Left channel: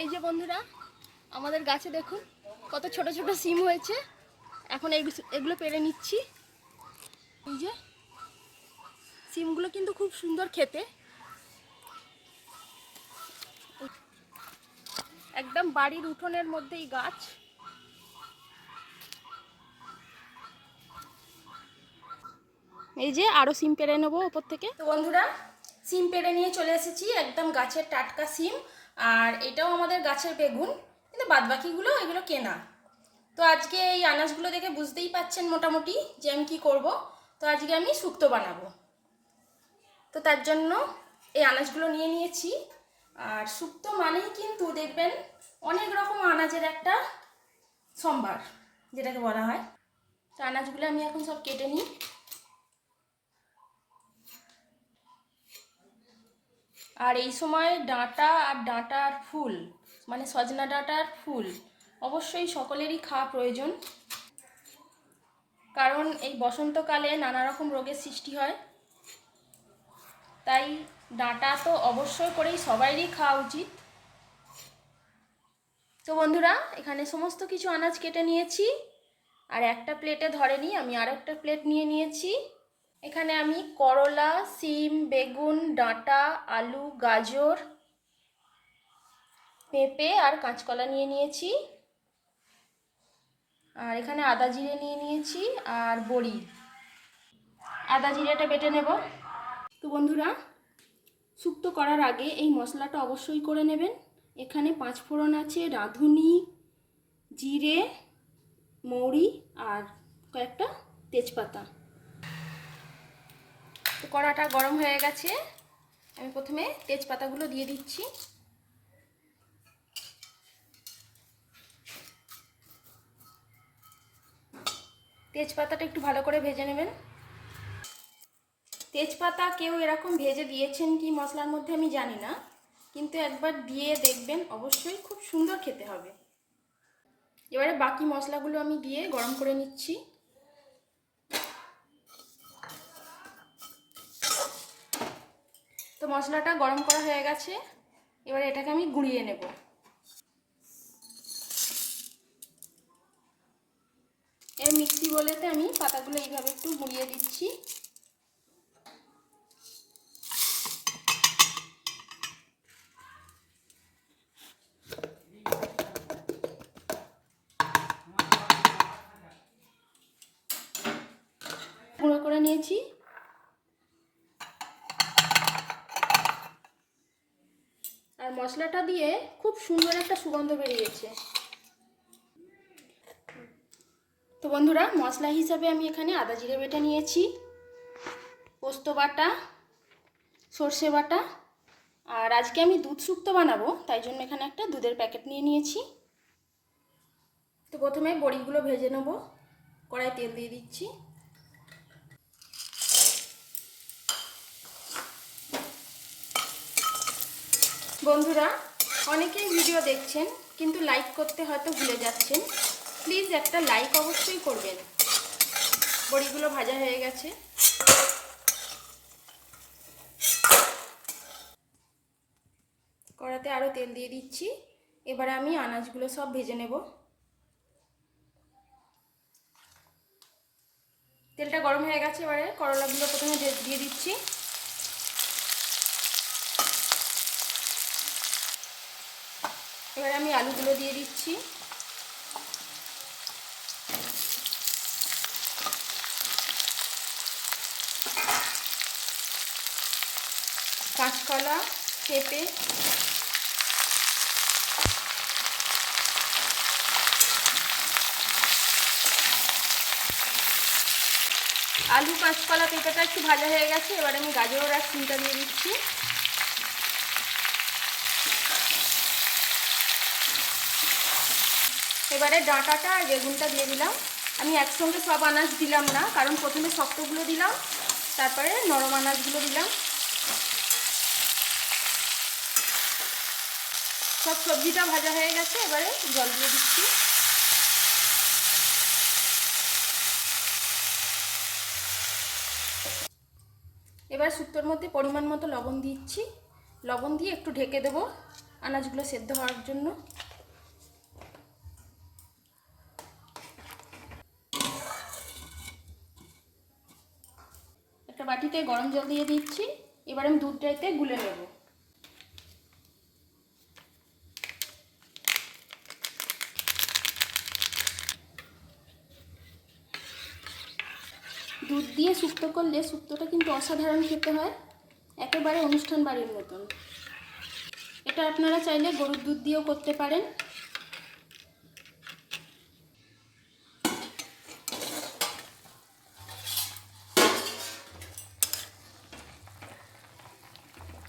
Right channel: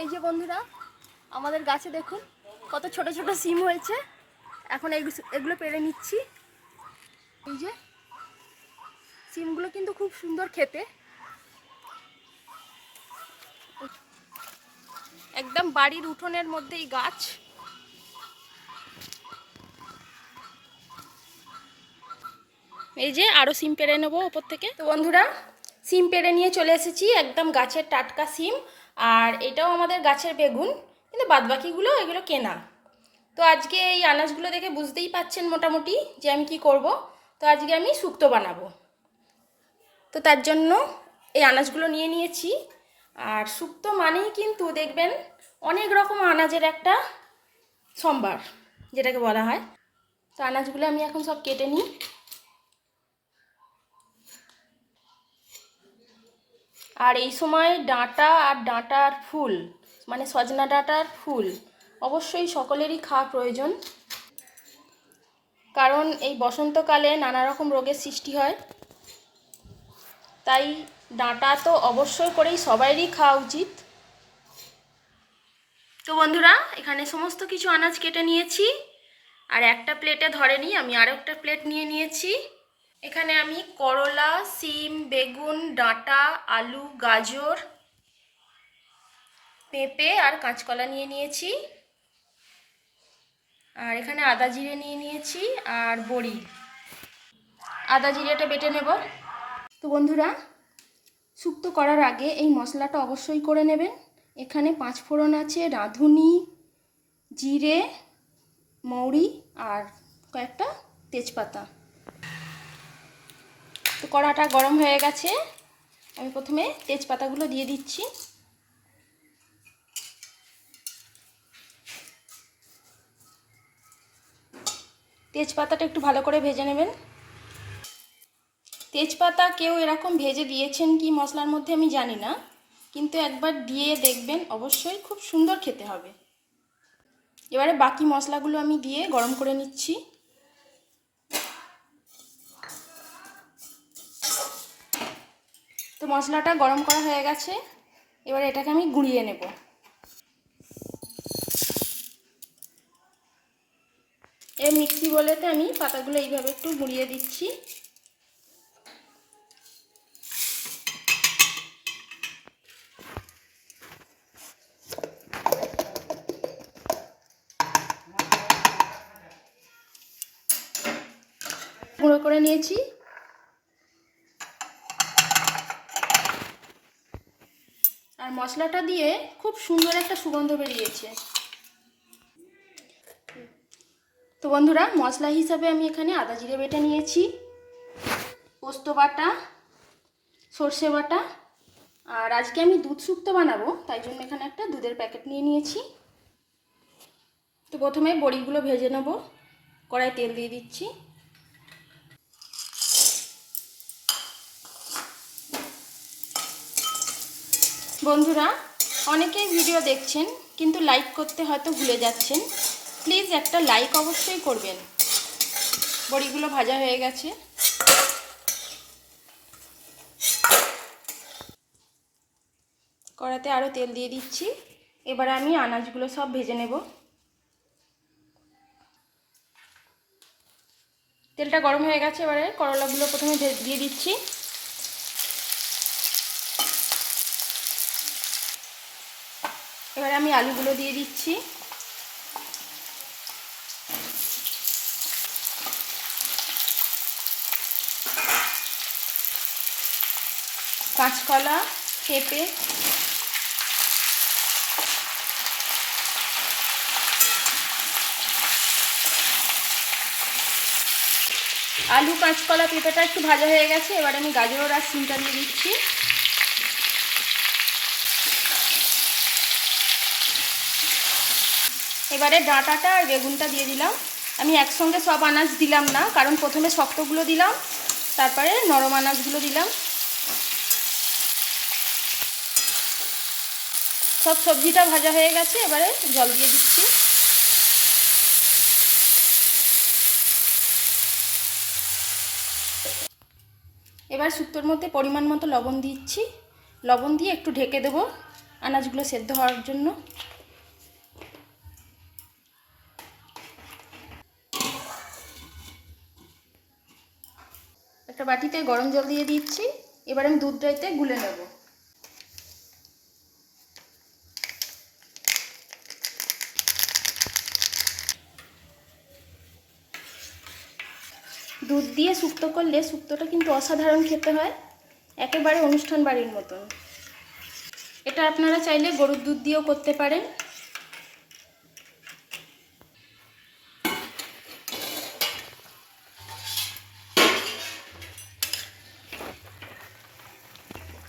এই যে বন্ধুরা, আমাদের গাছে দেখুন কত ছোট ছোট সিম হয়েছে। এখন এগুলো পেড়ে নিচ্ছি। এই যে সিমগুলো কিন্তু খুব সুন্দর খেতে, একদম বাড়ির উঠোনের মধ্যেই গাছ। এই যে আরো সিম পেড়ে নেবো ওপর থেকে। তো বন্ধুরা, সিম পেড়ে নিয়ে চলে এসেছি, একদম গাছের টাটকা সিম। আর এটাও আমাদের গাছের বেগুন, কিন্তু বাদবাকিগুলো এগুলো কেনা। তো আজকে এই আনাজগুলো দেখে বুঝতেই পাচ্ছেন মোটামুটি যে আমি কি করব। তো আজকে আমি শুক্তো বানাবো। তো তার জন্য এই আনাজগুলো নিয়ে নিয়েছি। আর শুক্তো মানেই কিন্তু দেখবেন অনেক রকম আনাজের একটা সম্ভার, যেটাকে বলা হয়। তো আনাজগুলো আমি এখন সব কেটে নিই। আর এই সময় ডাঁটা আর ডাঁটার ফুল, মানে সজনা ডাঁটার ফুল অবশ্যই সকলেরই খাওয়া প্রয়োজন, কারণ এই বসন্তকালে নানা রকম রোগের সৃষ্টি হয়। তাই ডাঁটা তো অবশ্যই করেই সবাইরই খাওয়া উচিত। তো বন্ধুরা, এখানে সমস্ত কিছু আনাজ কেটে নিয়েছি। আর একটা প্লেটে ধরেনি, আমি আরও একটা প্লেট নিয়ে নিয়েছি। এখানে আমি করলা, সিম, বেগুন, ডাঁটা, আলু, গাজর, পেঁপে আর কাঁচকলা নিয়ে নিয়েছি। আর এখানে আদা জিরে নিয়ে নিয়েছি আর বড়ি। আদা জিরেটা বেটে নেব। তো বন্ধুরা, শুক্তো করার আগে এই মশলাটা অবশ্যই করে নেবেন। এখানে 5 ফোড়ন আছে, রাঁধুনি, জিরে, মৌরি আর কয়েকটা তেজপাতা। তো কড়াটা গরম হয়ে গেছে, আমি প্রথমে তেজপাতাগুলো দিয়ে দিচ্ছি। তেজপাতাটা একটু ভালো করে ভেজে নেবেন। তেজপাতা কেউ এরকম ভেজে দিয়েছেন কি মশলার মধ্যে আমি জানি না, কিন্তু একবার দিয়ে দেখবেন, অবশ্যই খুব সুন্দর খেতে হবে। এবারে বাকি মশলাগুলো আমি দিয়ে গরম করে নিচ্ছি। তো মশলাটা গরম করা হয়ে গেছে, এবারে এটাকে আমি গুঁড়িয়ে নেব। এই মিক্সি বলেতে আমি পাতাগুলো এইভাবে একটু গুঁড়িয়ে দিচ্ছি। গুঁড়ো করে নিয়েছি। আর মশলাটা দিয়ে খুব সুন্দর একটা সুগন্ধ বেরিয়েছে। তো বন্ধুরা, মশলা হিসাবে আমি এখানে আদা জিরে বেটে নিয়েছি, পোস্ত বাটা, সর্ষে বাটা। আর আজকে আমি দুধ শুক্তো বানাবো, তাই জন্য এখানে একটা দুধের প্যাকেট নিয়ে নিয়েছি। তো প্রথমে বড়িগুলো ভেজে নেব। কড়াই তেল দিয়ে দিচ্ছি। বন্ধুরা, অনেকেই ভিডিও দেখছেন কিন্তু লাইক করতে হয়তো ভুলে যাচ্ছেন। প্লিজ একটা লাইক অবশ্যই করবেন। বড়িগুলো ভাজা হয়ে গেছে। কড়াতে আরও তেল দিয়ে দিচ্ছি। এবারে আমি আনাজগুলো সব ভেজে নেব। তেলটা গরম হয়ে গেছে, এবারে করলাগুলো প্রথমে দিয়ে দিচ্ছি। এবারে আমি আলুগুলো দিয়ে দিচ্ছি। কাঁচকলা, পেঁপে, আলু, কাঁচকলা, পেঁপেটা একটু ভাজা হয়ে গেছে। এবারে আমি গাজর আর সিমটা দিয়ে দিচ্ছি। এবারে ডাঁটাটা আর বেগুনটা দিয়ে দিলাম। আমি একসঙ্গে সব আনাজ দিলাম না, কারণ প্রথমে শক্তগুলো দিলাম, তারপরে নরম আনাজগুলো দিলাম। সব সবজিটা ভাজা হয়ে গেছে, এবারে জল দিয়ে দিচ্ছি। এবার শুক্তোর মধ্যে পরিমাণ মতো লবণ দিচ্ছি। লবণ দিয়ে একটু ঢেকে দেবো। আনাজগুলো সেদ্ধ হওয়ার জন্য। একটা বাটিতে গরম জল দিয়ে দিচ্ছি। এবার আমি দুধটাতে গুলে নেব। দুধ দিয়ে শুক্তো করলে শুক্তোটা কিন্তু অসাধারণ খেতে হয়, একেবারে অনুষ্ঠান বাড়ির মতন। এটা আপনারা চাইলে গরুর দুধ দিয়েও করতে পারেন।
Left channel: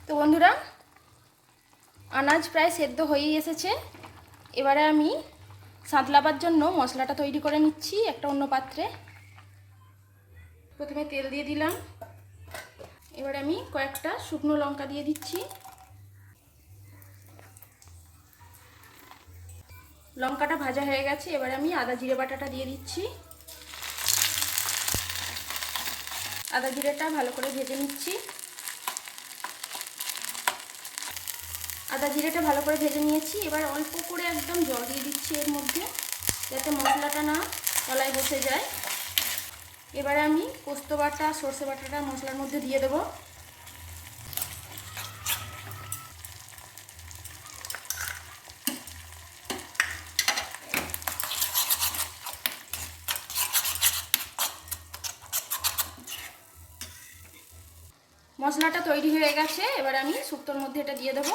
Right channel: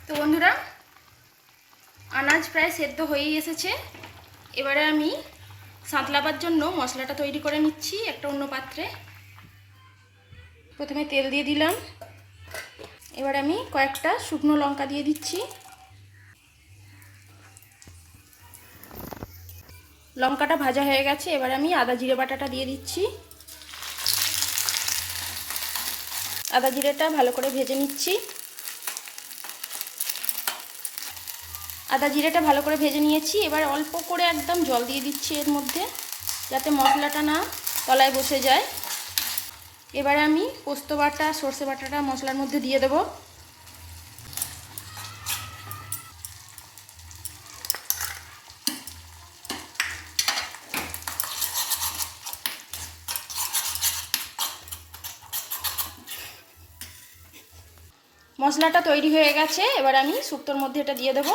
তো বন্ধুরা, আনাজ প্রায় সেদ্ধ হয়েই এসেছে। এবারে আমি সাঁতলাবার জন্য মশলাটা তৈরি করে নিচ্ছি একটা অন্য পাত্রে। প্রথমে তেল দিয়ে দিলাম। এবার আমি কয়েকটা শুকনো লঙ্কা দিয়ে দিচ্ছি। লঙ্কাটা ভাজা হয়ে গেছে। এবার আমি আদা জিরে বাটাটা দিয়ে দিচ্ছি। আদা জিরেটা ভালো করে ভেজে নিচ্ছি। আদা জিরেটা ভালো করে ভেজে নিয়েছি। এবার অল্প করে একদম জল দিয়ে দিচ্ছি এর মধ্যে, যাতে মশলাটা না তলায় বসে যায়। এবারে আমি পোস্ত বাটা, সর্ষে বাটাটা মশলার মধ্যে দিয়ে দেব। মশলাটা তৈরি হয়ে গেছে। এবার আমি শুক্তোর মধ্যে এটা দিয়ে দেব।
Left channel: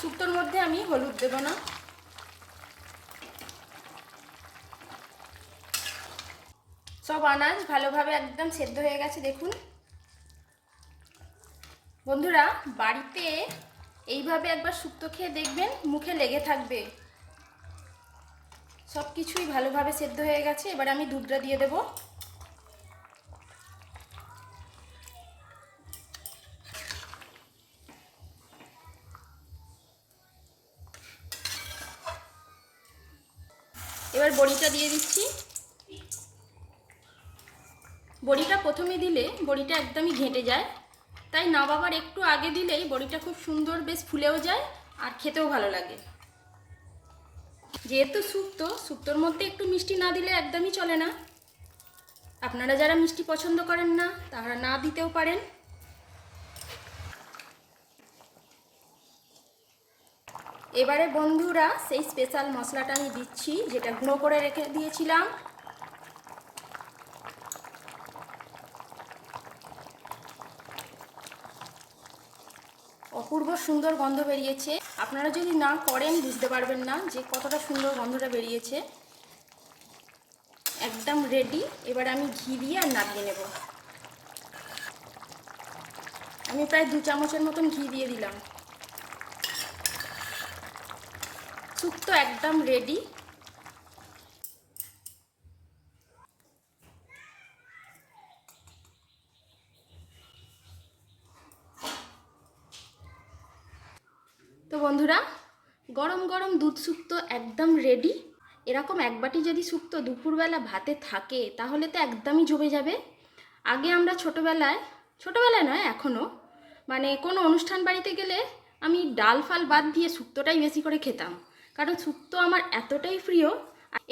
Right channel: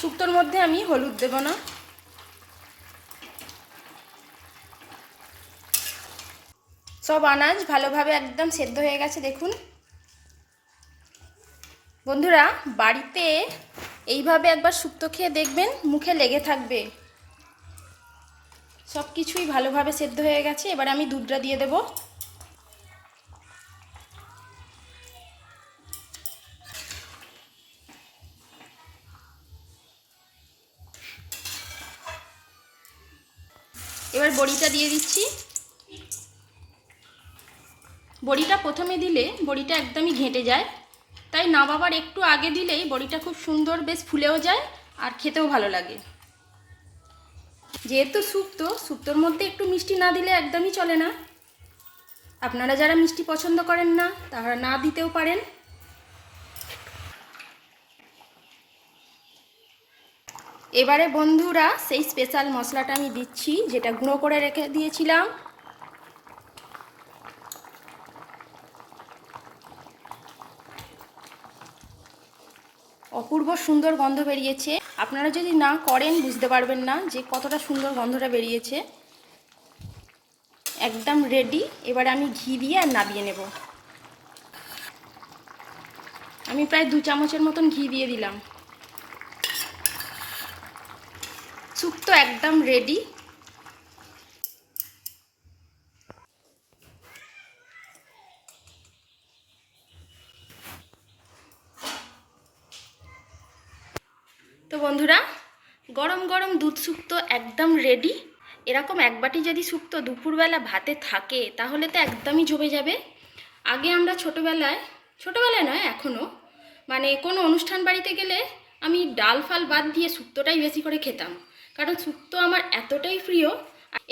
শুক্তোর মধ্যে আমি হলুদ দেব না। সব আনাজ ভালোভাবে একদম সেদ্ধ হয়ে গেছে দেখুন। বন্ধুরা, বাড়িতে এইভাবে একবার শুক্তো খেয়ে দেখবেন, মুখে লেগে থাকবে। সব কিছুই ভালোভাবে সেদ্ধ হয়ে গেছে। এবার আমি দুধটা দিয়ে দেব। এবার বড়িটা দিয়ে দিচ্ছি। বড়িটা প্রথমে দিলে বড়িটা একদমই ঘেঁটে যায়, তাই নামাবার একটু আগে দিলেই বড়িটা খুব সুন্দর বেশ ফুলেও যায় আর খেতেও ভালো লাগে। যেহেতু শুক্তোর মধ্যে একটু মিষ্টি না দিলে একদমই চলে না। আপনারা যারা মিষ্টি পছন্দ করেন না তারা না দিতেও পারেন। এবারে বন্ধুরা, সেই স্পেশাল মশলাটা আমি দিচ্ছি, যেটা গুঁড়ো করে রেখে দিয়েছিলাম। অপূর্ব সুন্দর গন্ধ বেরিয়েছে। আপনারা যদি না করেন বুঝতে পারবেন না যে কতটা সুন্দর গন্ধটা বেরিয়েছে। একদম রেডি। এবারে আমি ঘি দিয়ে আর নামিয়ে নেব। আমি প্রায় 2 চামচের মতন ঘি দিয়ে দিলাম। শুক্তো একদম রেডি। তো বন্ধুরা, গরম গরম দুধ শুক্তো একদম রেডি। এরকম এক বাটি যদি শুক্তো দুপুরবেলা ভাতে থাকে তাহলে তো একদমই জমে যাবে। আগে আমরা ছোটোবেলায় নয় এখনও, মানে কোনো অনুষ্ঠান বাড়িতে গেলে আমি ডাল ফাল বাদ দিয়ে শুক্তোটাই বেশি করে খেতাম, কারণ শুক্তো আমার এতটাই প্রিয়।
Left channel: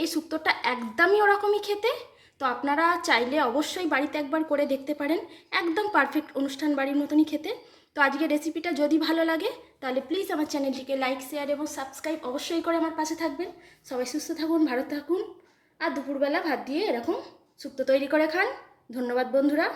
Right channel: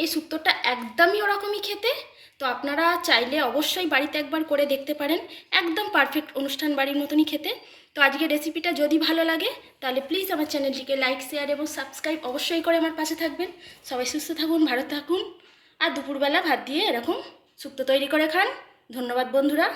এই শুক্তোটা একদমই ওরকমই খেতে। তো আপনারা চাইলে অবশ্যই বাড়িতে একবার করে দেখতে পারেন। একদম পারফেক্ট অনুষ্ঠান বাড়ির মতনই খেতে। তো আজকের রেসিপিটা যদি ভালো লাগে তাহলে প্লিজ আমার চ্যানেলটিকে লাইক, শেয়ার এবং সাবস্ক্রাইব অবশ্যই করে আমার পাশে থাকবেন। সবাই সুস্থ থাকুন, ভালো থাকুন, আর দুপুরবেলা ভাত দিয়ে এরকম শুক্তো তৈরি করে খান। ধন্যবাদ বন্ধুরা।